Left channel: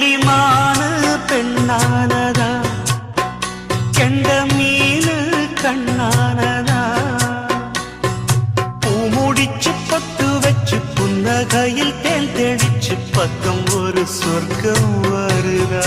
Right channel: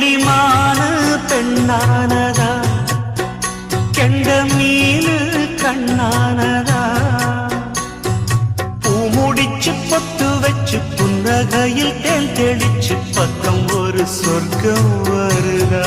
கிளிமான பெண்ணானதா கெண்ட மீனு கண்ணானதா பூ முடிச்சு பொட்டு வச்சு புன்னகையில் தேன் தெளிச்சு பக்கம் ஒரு சொர்க்கம் வருதா